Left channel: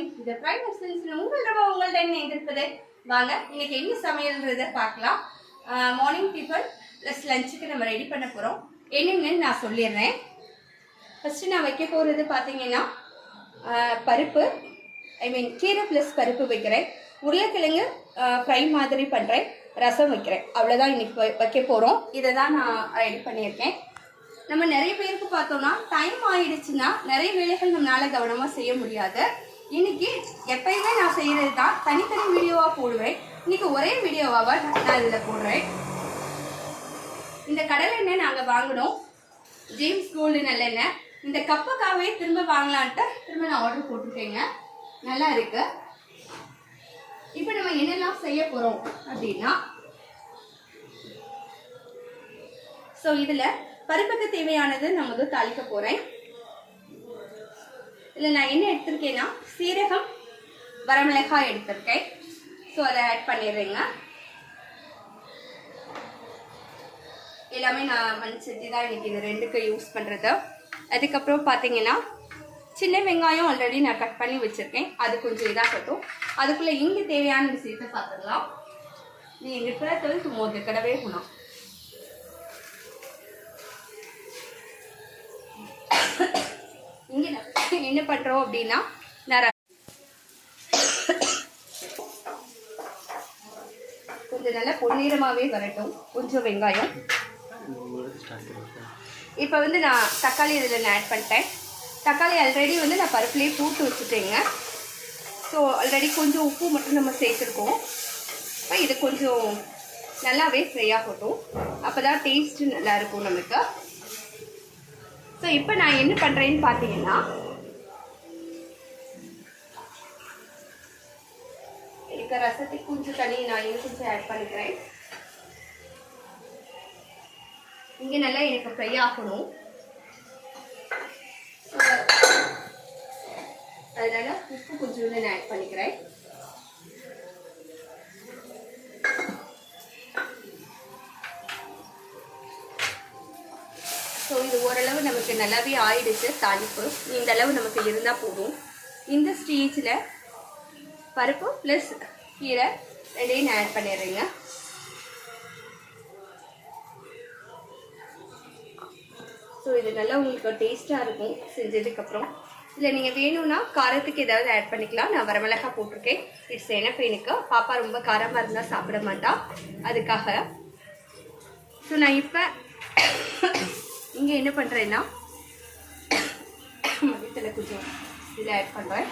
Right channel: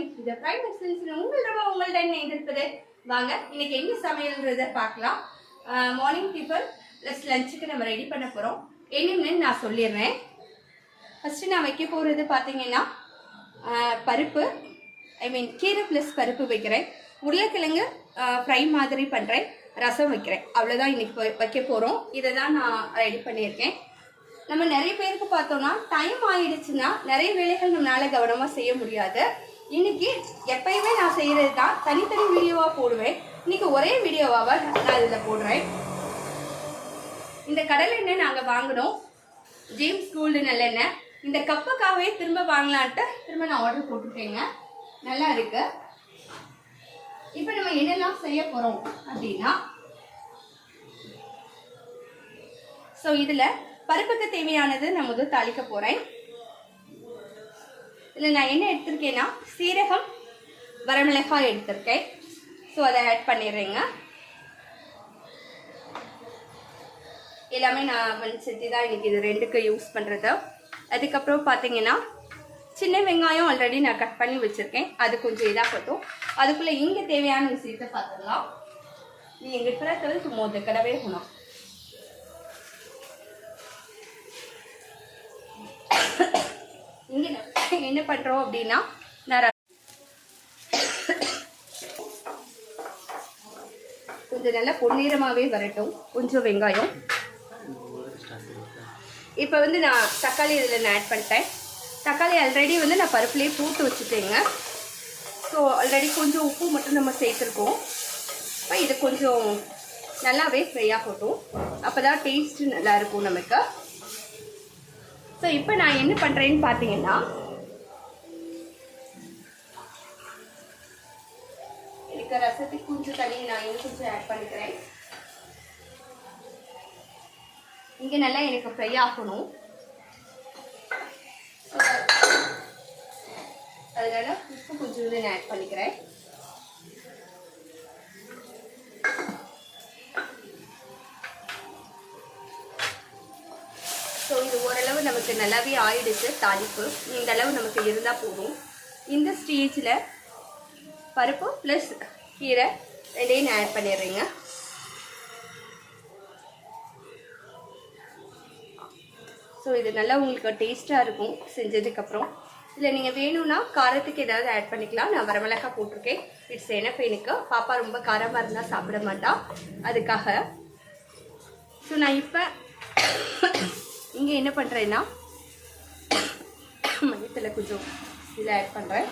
Morning. இந்த prime எக்ஸ்பீரியன்ஸ்ல உங்கள்கிட்ட என்ன இருப்பது வாங்க இன்னைக்கு என்ன சமையல்ன்றதை பார்க்கலாம். மார்னிங் டிஃபன் ப்ளஸ் லஞ்சுக்கு நம்ம ரெடி பண்ண போகிறோம். என்னென்னு நான் சொல்லிடுறேன். ஃபஸ்ட்டு நான் வைக்க போகிறது பார்த்தீங்கன்னா பருப்பு, கீரை ப்ளஸ் பருப்பு வைக்கிறேன். உருளைக்கிழங்கு ஃப்ரை மாதிரி பண்ணுறேன். ரசம் வைக்கிறேன். அவ்வளோதான் இன்னைக்கு வைக்க போகிறோம். இதை தான் நான் ரெடி பண்ணியிருக்கேன். நம்ம நிறைய பேருக்கு பார்த்தோம்னா டைம் ஆயிடுச்சுன்னா நிறைய வேலைகள் நம்மளால கவனமாக செய்ய முடியாது. இன்னைக்கு எப்பயுமே நான் செய்கிறது தான் தனித்தனி வீடியோவாக போடுவேன். இன்னைக்கு ஒரே வீடியோவாக நான் அதில் போடுறேன். இந்த கடலை எண்ணெய் நாங்கள் வாங்கினோம், ஜேம்ஸ் கோல்டு நல்லெண்ணெய். இந்த கப்புக்காகவே திரும்ப வாங்கலான்ட்டு திரும்ப நான் ஆர்டர் போட்டுட்டேங்க. நல்லா இருக்கு. இப்போ நம்ம என்னெல்லாம் செய்ய போகிறோம் அப்படின்னா, ஸோ இதில் பருப்புக்கு தேவையானது நான் முதல் தாளிக்க போகிறேன். இதில் நான் என்ன எடுத்திருக்கேன்னா சீரகம், வரமிளகாய் எடுத்திருக்கேன். ஸோ அதை ஆட் பண்ணிடுறேங்க. எல்லாமே நான் மண்சட்டி தான் இன்னைக்கு இது ரெண்டுக்கு யூஸ் பண்ணுறது. அதுக்கப்புறம் பார்த்தீங்கன்னா சின்ன வெங்காயம் ஆல்ரெடி நான் கட் பண்ணி வச்சுருக்கேன். அது கொஞ்சம் இதாகட்டும். அதுக்குள்ளே இங்கே தேவையான விஷயத்தை பார்த்துக்கலாம். நீ எங்கள் பிறகு மோத கடவே போனோம். இங்கே என்ன பண்ணுறோம் அப்படின்னா, கொஞ்சம் நல்லா பொன்னிறமாகவே வரட்டும் கொஞ்சம் வெங்காயம். இப்போ நான் தக்காளி இதில் நான் ஆட் பண்ணிட்டேன். தக்காளி ஆல்ரெடி நான் பருப்புலேயே தூத்து வச்சுட்டேங்க. ஸோ ஆல்ரெடி கொஞ்சம் உப்பு மட்டும் நம்ம சேர்த்துருக்கோம். இது கொஞ்சம் நல்லாவே ஃப்ரை ஆகட்டும். அப்போ தான் டேஸ்ட்டு நல்லாயிருக்கும் நமக்கு. ஸோ இப்போ நான் என்ன பண்ணுறேன்னு பார்த்தீங்கன்னா, எனக்கு ரசத்துக்கு கொஞ்சம் தண்ணி நான் இன்னும் கொஞ்சம் ஆட் பண்ணிக்கிறேன். இங்கே நல்லா எனக்கு ஃப்ரை ஆகணும். அதனால உப்பு கொஞ்சம் நான் ஆட் பண்ணிக்கிறேன். ஸோ இது ஓரளவு நமக்கு நல்லாவே ஆயிடுச்சு. தாளிப்பு இந்த அளவு நமக்கு இருந்தால் போதும். இந்த ஸ்டேஜில் பருப்பு ப்ளஸ் கீரை ரெண்டையும் நான் ஆட் பண்ணிடுறேங்க. ஸோ இது நல்லா உங்களுக்கு டேஸ்ட்டாக இருக்கும் செஞ்சதுக்கப்புறம். இல்லை நீங்கள் வேணும்னா காரத்துக்கு ஏதாவது ஆட் பண்ணிக்கலாம். நான் வரமிளகாய் போட்டிருக்கேன். இட்ஸ் எனக்கு பாப்பா ரொம்ப காரமாக இருந்தால் சாப்பிட மாட்டா, அதுக்காக. ஸோ நான் இப்போ இங்கே என்ன பண்ணுறேன்னா மல்லித்தலை கொஞ்சம் இதில் ஆட் பண்ணுறேன்.